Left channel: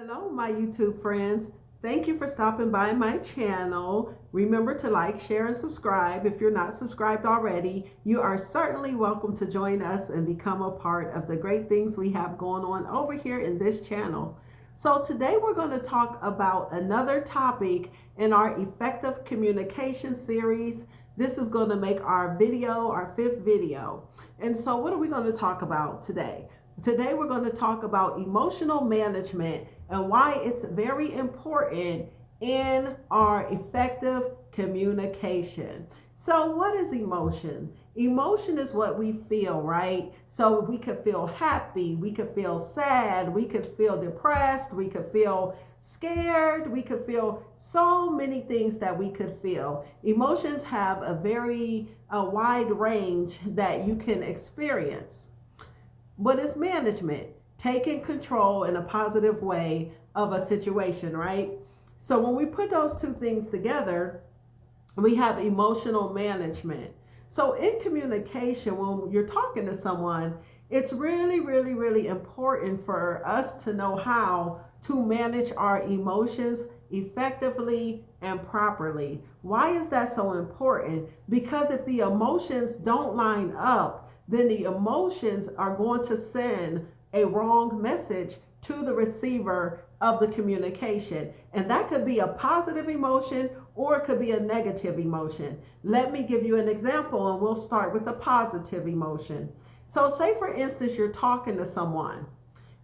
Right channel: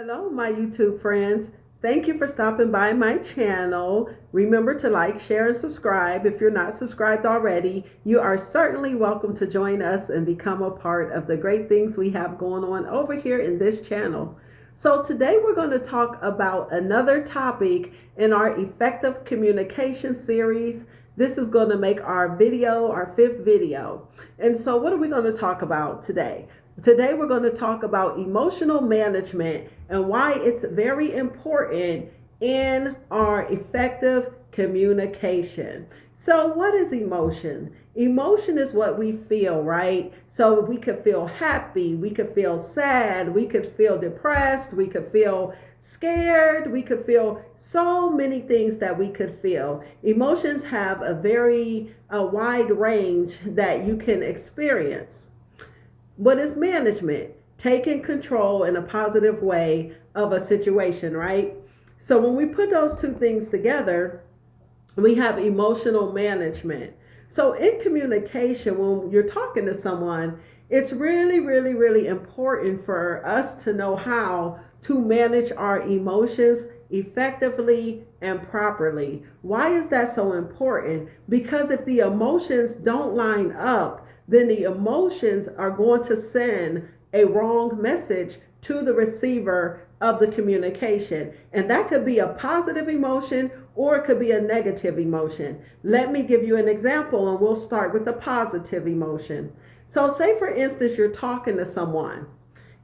Hello, my YouTube friends. Thank you for stopping by my channel. Remember to like, share, and subscribe. If you're not subscribed already, you are certainly welcome to join us and become a part of the great things we have going on over here in this channel. So today we're going to talk about another topic in our effective communication series. This is going to make our fifth video. And so what are we going to talk about today? Today we're going to talk about emotional management and why it's very important in our effective communication. So, what is emotion? Emotion is what we feel, right? So, we could feel happy, we could feel sad, we could feel depressed, we could feel scared, we could feel so many things that we could feel. Emotions have a very wide range that you can experience. What is management? Taking control in a positive way of a situation, right? So when we put those two things together, we have emotional management. So in communication, when you're talking to someone, it's really, really, really important for us to know how to manage our emotions effectively and properly. Why is that so important? Because if the emotions don't line up, then the emotions are going to send a wrong message to the receiver of the communication. And that could be a positive emotion or it could be a negative emotion. Let me give you an example and we'll start with a positive emotion. So, say for instance, you're talking to someone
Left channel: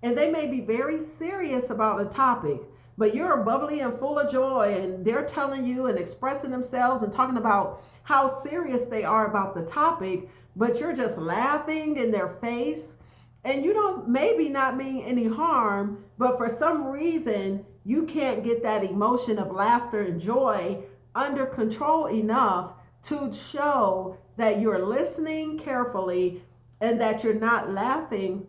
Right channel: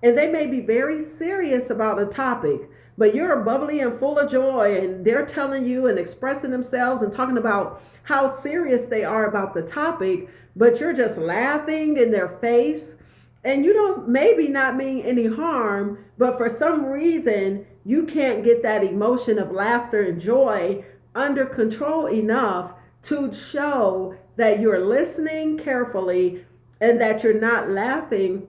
and they may be very serious about a topic, but you're bubbly and full of joy and they're telling you and expressing themselves and talking about how serious they are about the topic, but you're just laughing in their face and you don't maybe not mean any harm, but for some reason you can't get that emotion of laughter and joy under control enough to show that you're listening carefully and that you're not laughing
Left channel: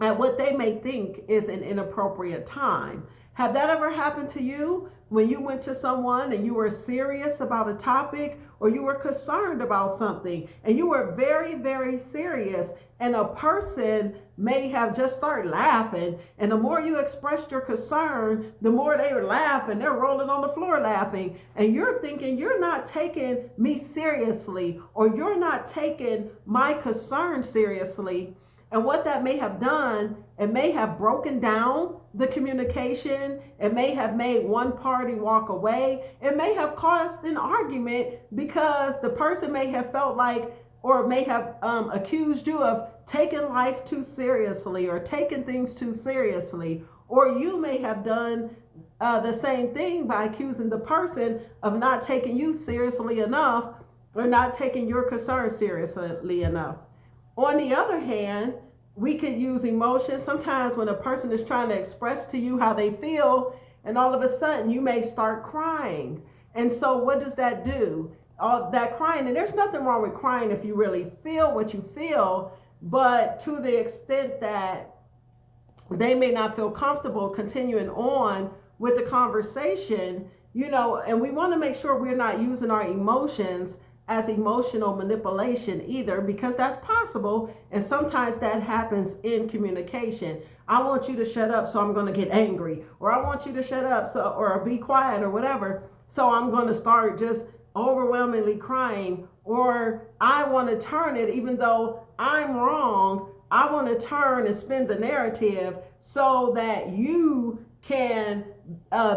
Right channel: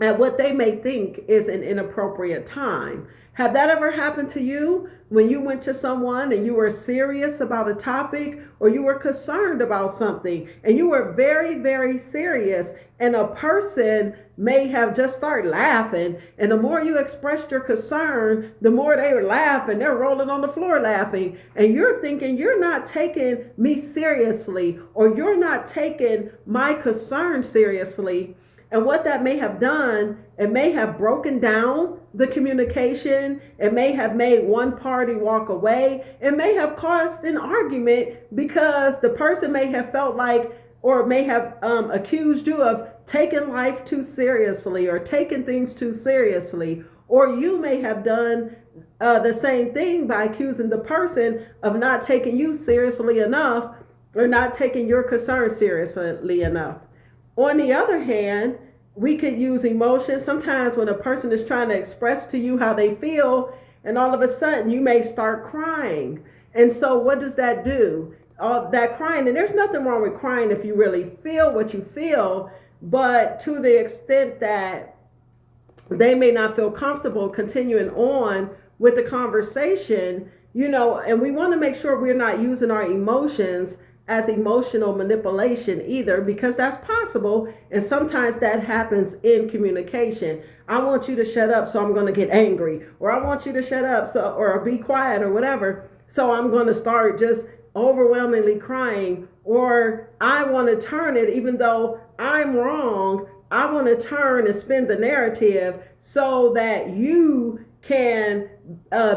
at what they may think is an inappropriate time. Have that ever happened to you when you went to someone and you were serious about a topic or you were concerned about something and you were very, very serious and a person may have just started laughing, and the more you expressed your concern, the more they laugh and they're rolling on the floor laughing, and you're thinking you're not taking me seriously or you're not taking my concern seriously. And what that may have done, it may have broken down the communication. It may have made one party walk away. It may have caused an argument because the person may have felt like, or may have accused you of taking life too seriously or taking things too seriously. Or you may have done the same thing by accusing the person of not taking you seriously enough or not taking your concern seriously enough. On the other hand, we could use emotions. Sometimes when a person is trying to express to you how they feel, and all of a sudden you may start crying. And so what does that do? All that crying, and there's nothing wrong with crying if you really feel what you feel, but to the extent that they may not feel comfortable continuing on with the conversation, and we want to make sure we're not using our emotions as emotional manipulation either, because that's possible and sometimes that happens in communication. I want you to shut up, so I'm going to get angry, or I want you to shut up, so, or be quiet, or whatever, so I'm going to start just overwhelmingly crying, or I want to turn it, even though I'm wrong, I want to turn and spin the narrative so that you can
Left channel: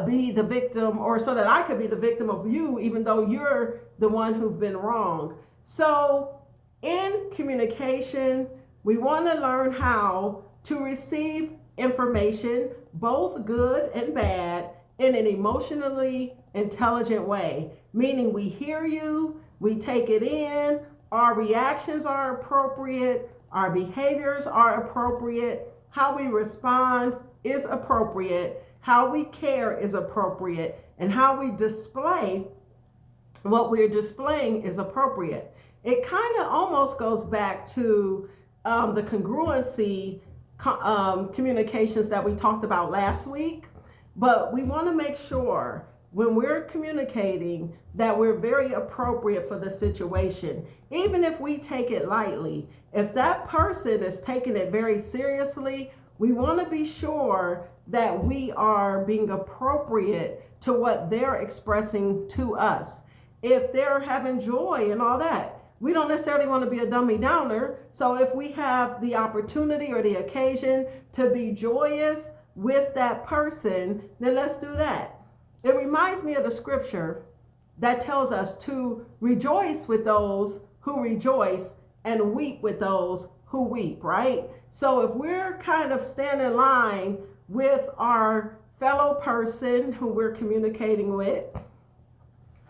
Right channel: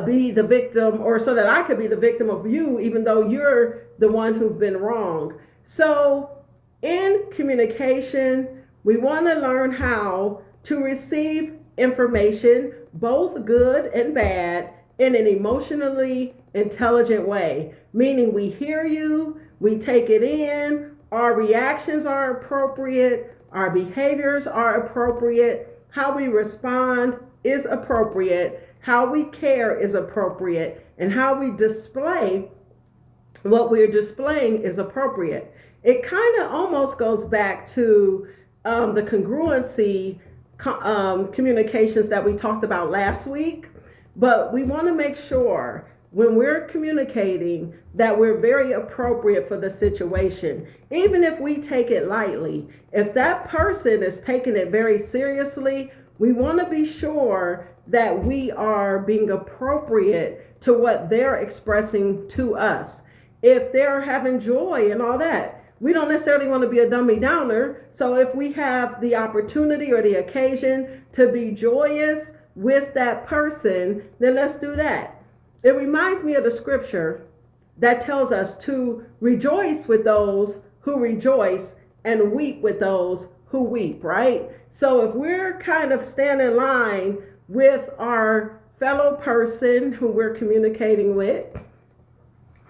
be the victim, or so that I could be the victim of you, even though you're the one who's been wrong. So in communication, we want to learn how to receive information, both good and bad, in an emotionally intelligent way, meaning we hear you, we take it in, our reactions are appropriate, our behaviors are appropriate, how we respond is appropriate, how we care is appropriate, and how we display what we're displaying is appropriate. It kind of almost goes back to the congruency communications that we talked about last week, but we want to make sure when we're communicating that we're very appropriate for the situation. Even if we take it lightly, if that person is taking it very seriously, We want to be sure that we are being appropriate to what they're expressing to us. If they're having joy and all that, we don't necessarily want to be a dummy downer. So if we have the opportunity or the occasion to be joyous with that person, then let's do that. It reminds me of the scripture that tells us to rejoice with those who rejoice and weep with those who weep, right? So if we're kind of standing in line with our fellow person who we're communicating with,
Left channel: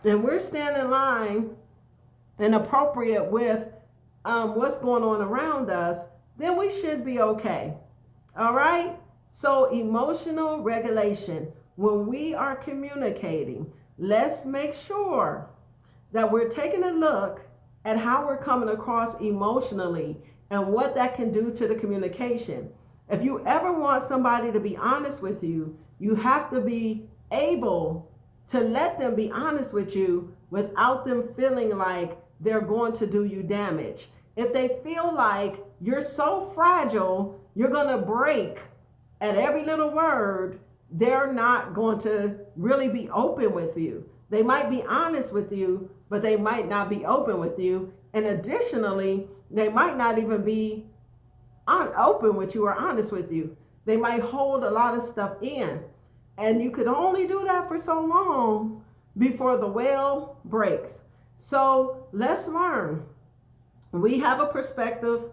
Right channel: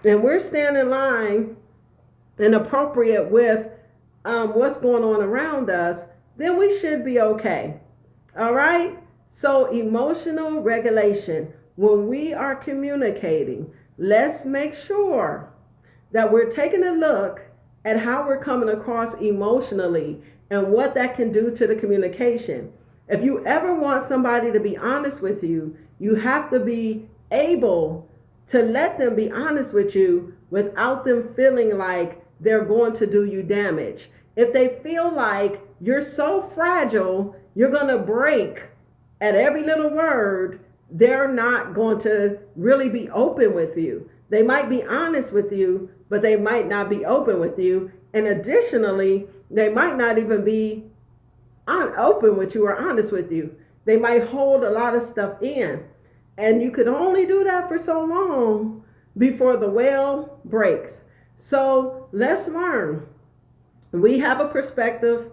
and we're standing in line and appropriate with what's going on around us, then we should be okay. All right? So emotional regulation. When we are communicating, let's make sure that we're taking a look at how we're coming across emotionally and what that can do to the communication. If you ever want somebody to be honest with you, you have to be able to let them be honest with you without them feeling like they're going to do you damage. If they feel like you're so fragile, you're going to break at every little word, they're not going to really be open with you. They might be honest with you, but they might not be open with you. And additionally, they might not even be open with you or honest with you. They might hold a lot of stuff in. And you could only do that for so long before the well breaks. So let's learn. We have a perspective.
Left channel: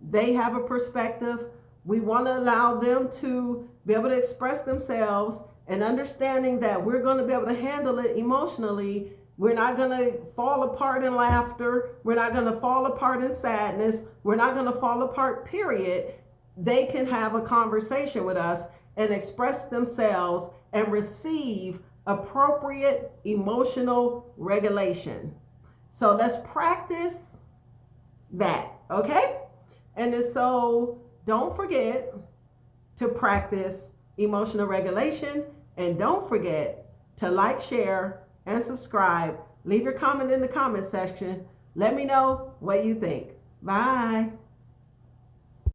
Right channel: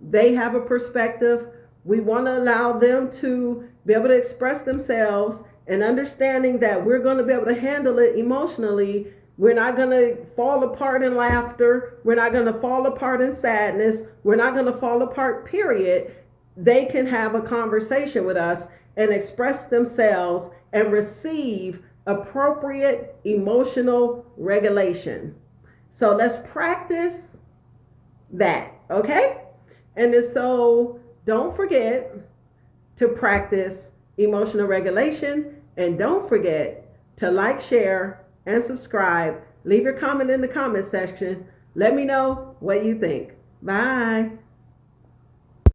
They have a perspective. We want to allow them to be able to express themselves, and understanding that we're going to be able to handle it emotionally. We're not going to fall apart in laughter. We're not going to fall apart in sadness. We're not going to fall apart, period. They can have a conversation with us and express themselves and receive appropriate emotional regulation. So let's practice that, okay? And so don't forget to practice emotional regulation, and don't forget to like, share, and subscribe. Leave your comment in the comment section. Let me know what you think. Bye.